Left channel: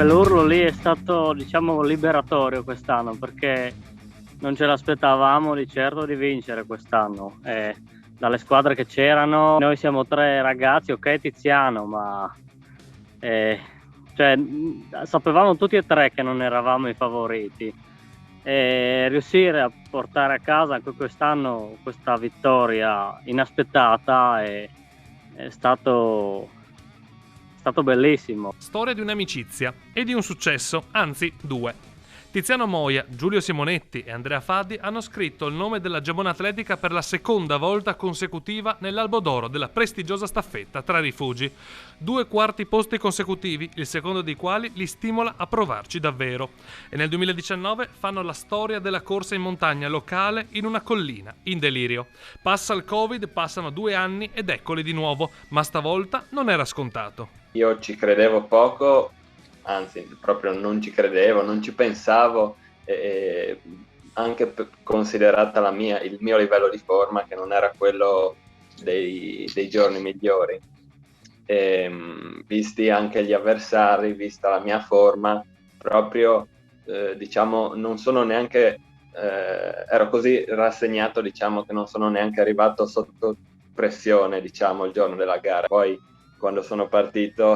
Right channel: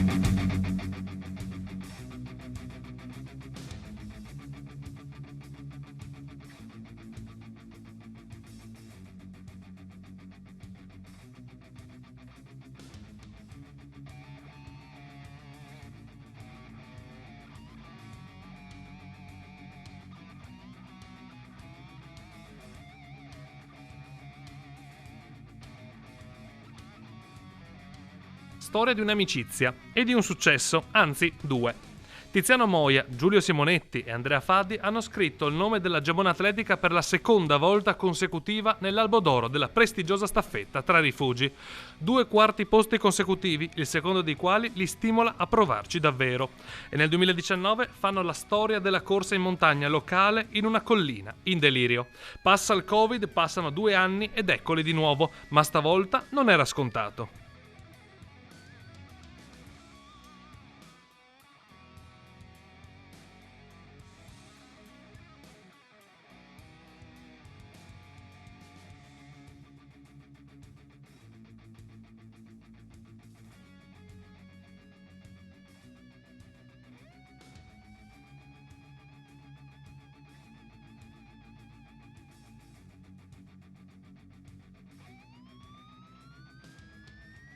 quell'urlo lì è stato, diciamo, liberatorio quest'anno, perché non ce l'aspettavamo di certo di vincere quest'anno. Dalle squadre che c'erano, noi siamo tre ragazzi, ok Tiziano, ma cioè, sapevamo tutti e tre che non eravamo i favoriti. E riuscire a portare a casa anche quest'anno questa vittoria inaspettata è stato bellissimo. Storia di un'amicizia e di un successo, anzi due. Tiziano Moia, Giulio Simonetti e Andrea Faddi hanno scritto il nome della Gemona Atletica per la seconda volta consecutiva nell'albo d'oro della prestigiosa staffetta tra rifugi. 2 quarti posti consecutivi, il secondo dei quali li stimola a provarci davvero. E nel 2019 fanno la storia della corsa in montagna locale in una collina, in delirio. Passa il Covid, passano 2 anni ed eccoli di nuovo, ma stavolta non era scontato. Io ci credevo poco, anzi proprio non ci credevo, non ci pensavo, anche considerata il mio livello di forma, che non era quello dei giorni migliori. Visti anche gli avversari, vista la mia forma, proprio diciamo non sono neanche ero così rassegnato, diciamo, che non sono neanche arrivato sotto pressione, diciamo, il giorno della gara. Poi quando sono partito,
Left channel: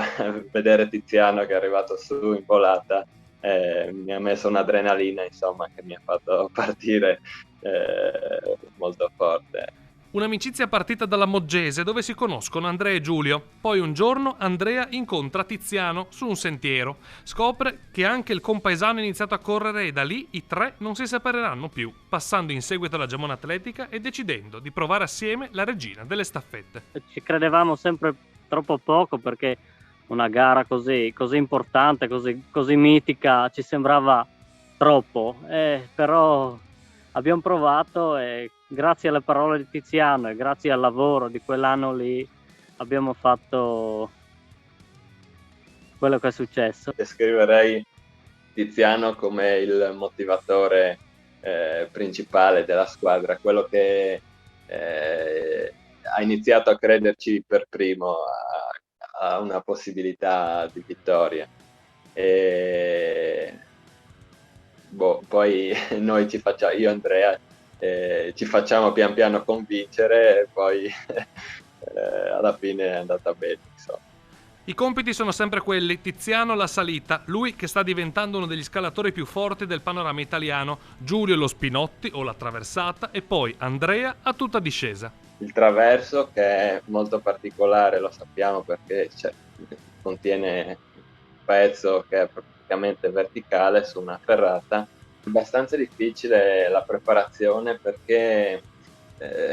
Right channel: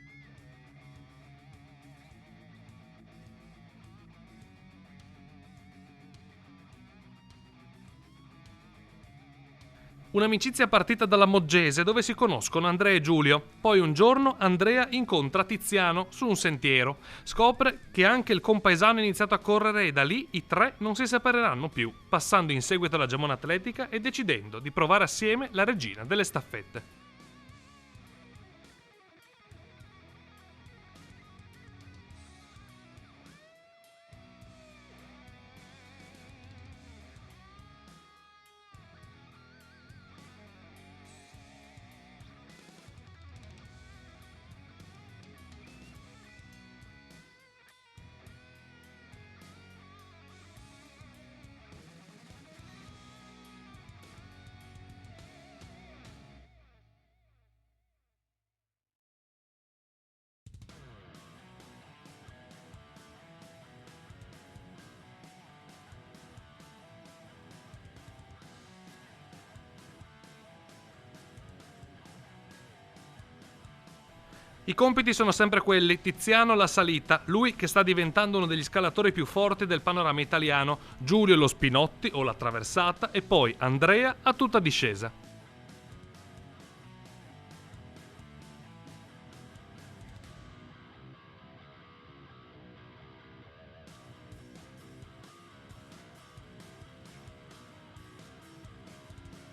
vedere Tiziano che è arrivato su in volata mi ha messo un'adrenalina, insomma, che mi ha fatto partire molto forte. Un'amicizia partita dalla Moggese, dove si conoscono Andrea e Giulio. Poi un giorno Andrea incontra Tiziano su un sentiero. Scopre che anche il compaesano ha iniziato a correre e da lì i tre non si separeranno più, passando in seguito alla Gemona Atletica e decidendo di provare assieme la regina delle staffette. Ci credevamo sempre troppo poco, perché una gara così importante, così mitica, ci sembrava troppo, però abbiamo provato e grazie alle parole di Tiziano e grazie al lavoro di quell'anno lì abbiamo fatto quello che è successo. Descriverei Tiziano come il motivatore principale della squadra, quello che ha iniziato a crederci per primo a una possibilità di vittoria. Poi noi io e Andrea ci facciamo pian piano convincere e poi alla fine è andata bene, insomma. I compiti sono sempre quelli: Tiziano la salita, lui che sta diventando uno degli scalatori più forti del panorama italiano, Giulio lo spinotti o la traversata e poi Andrea a tutta discesa. Il traverso, che è molto particolare, lo sappiamo, perché contiene un pezzo che è praticamente verticale su una ferrata. È abbastanza difficile la preparazione, perché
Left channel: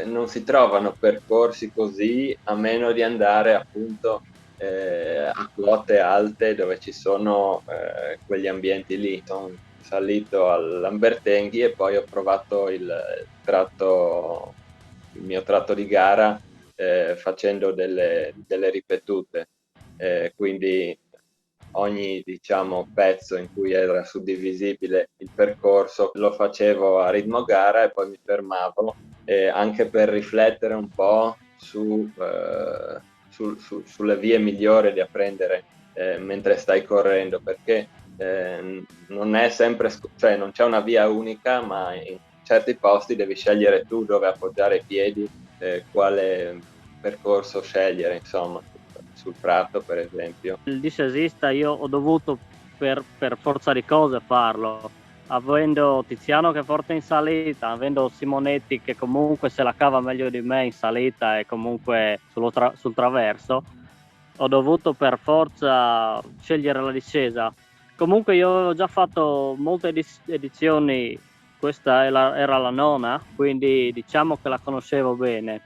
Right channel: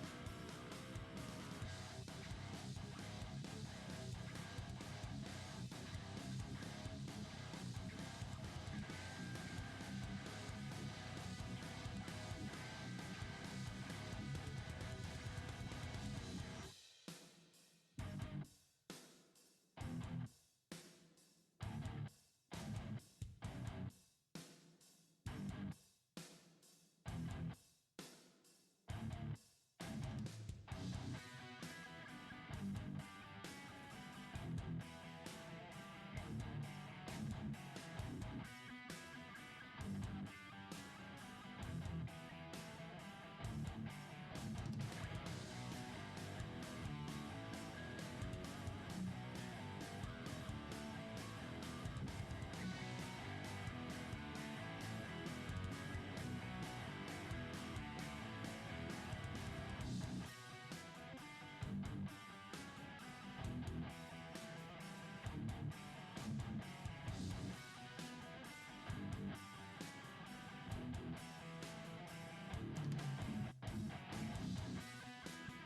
non si trovano percorsi così, a meno di andare appunto a quote alte dove ci sono quegli ambienti lì. Sono salito all'Ambertenghi e poi ho provato il mio tratto di gara facendo delle ripetute, quindi ogni, diciamo, pezzo in cui era suddivisibile il percorso lo facevo a ritmo gara e poi mi fermavo, anche per riflettere un po' sulle vie migliori da prendere mentre stai correndo, perché non è sempre, cioè non c'è una via unica, ma in certi posti devi scegliere tu dove appoggiare i piedi, quale percorso scegliere, insomma, sul prato per esempio. Il discesista io ho dovuto per forza di cose farlo, avendo Tiziano che è forte in salita, avendo Simonetti che comunque se la cava meglio di me in salita e comunque sul traverso, ho dovuto per forza scegliere la discesa. Comunque io avevo già fatto molte edizioni, questa era la nona, quindi diciamo che la conoscevo bene.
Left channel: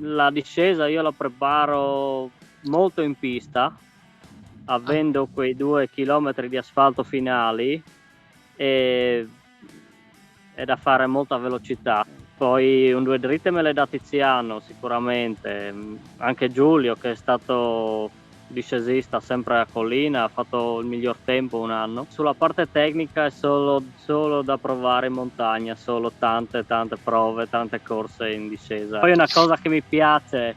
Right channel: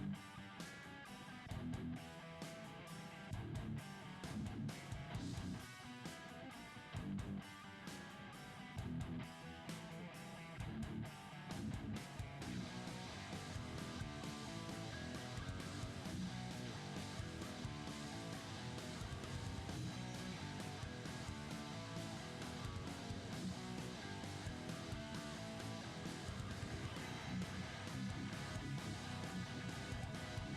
La discesa io la preparo molto in pista, avendo quei 2 chilometri di asfalto finali e da fare molta velocità. Poi un 2 dritte me le dà Tiziano sicuramente, anche Giulio che è stato discesista sempre a collina, ha fatto il miglior tempo un anno. Sulla parte tecnica è solo da provare in montagna, solo tante prove, tante corse in discesa. Poi una cosa che mi piace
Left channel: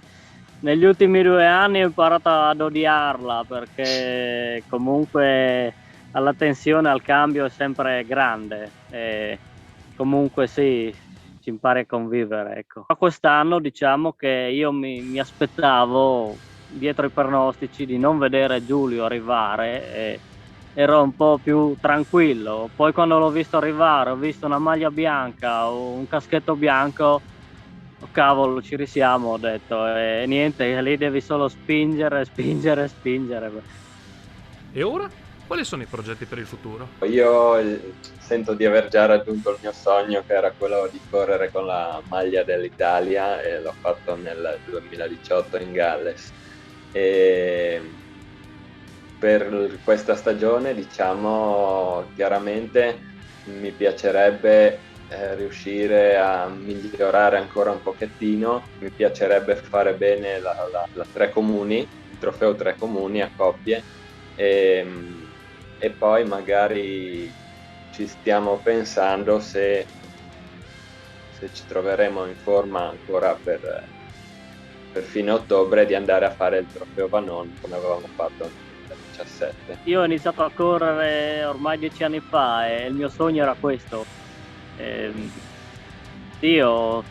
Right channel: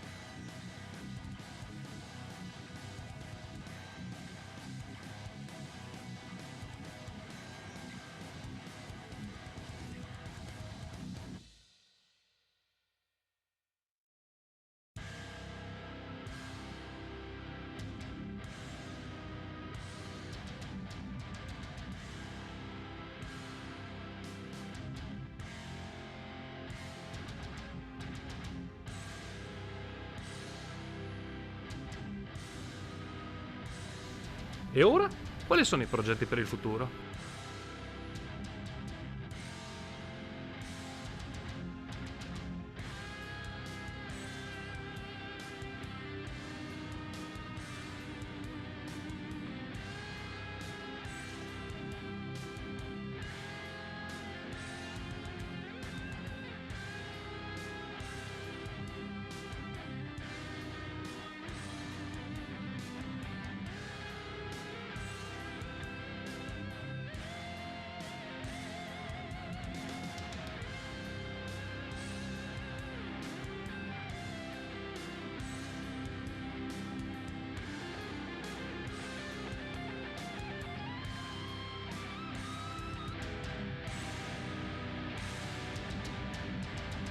negli ultimi 2 anni ho imparato ad odiarla perché comunque la tensione al cambio è sempre grande e comunque sì, si impara a convivere, ecco. Ma quest'anno diciamo che io mi aspettavo, dietro i pronostici, di non vedere Giulio arrivare e ero un po' più tranquillo. Poi quando l'ho visto arrivare, ho visto una maglia bianca o un caschetto bianco, oh, cavolo, ci risiamo, ho detto, e niente, lì devi solo spingere, spingere, spingere. E ora? Quali sono i progetti per il futuro? Io sento di aver già raggiunto il mio sogno, che era quello di correre con la maglia dell'Italia, e l'ho fatto nel 2018 in Galles. E per questa stagione, diciamo, chiaramente mi piacerebbe riuscire a migliorare ancora un pochettino. Mi piacerebbe fare bene la 3 comuni, il trofeo 3 comuni a coppie, e poi magari ci stiamo pensando se ci troveremo in forma ancora per fine ottobre, di andare a fare il trofeo Vanon come avevamo fatto nel 2017. Io ho iniziato a correre ormai 10 anni fa e il mio sogno era questo. Io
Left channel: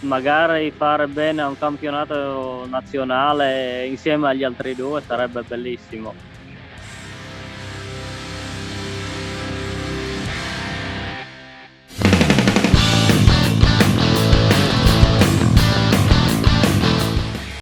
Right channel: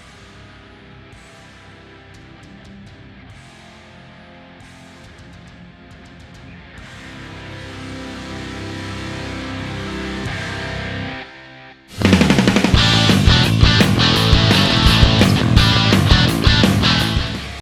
magari fare bene a un campionato nazionale insieme agli altri 2 sarebbe bellissimo.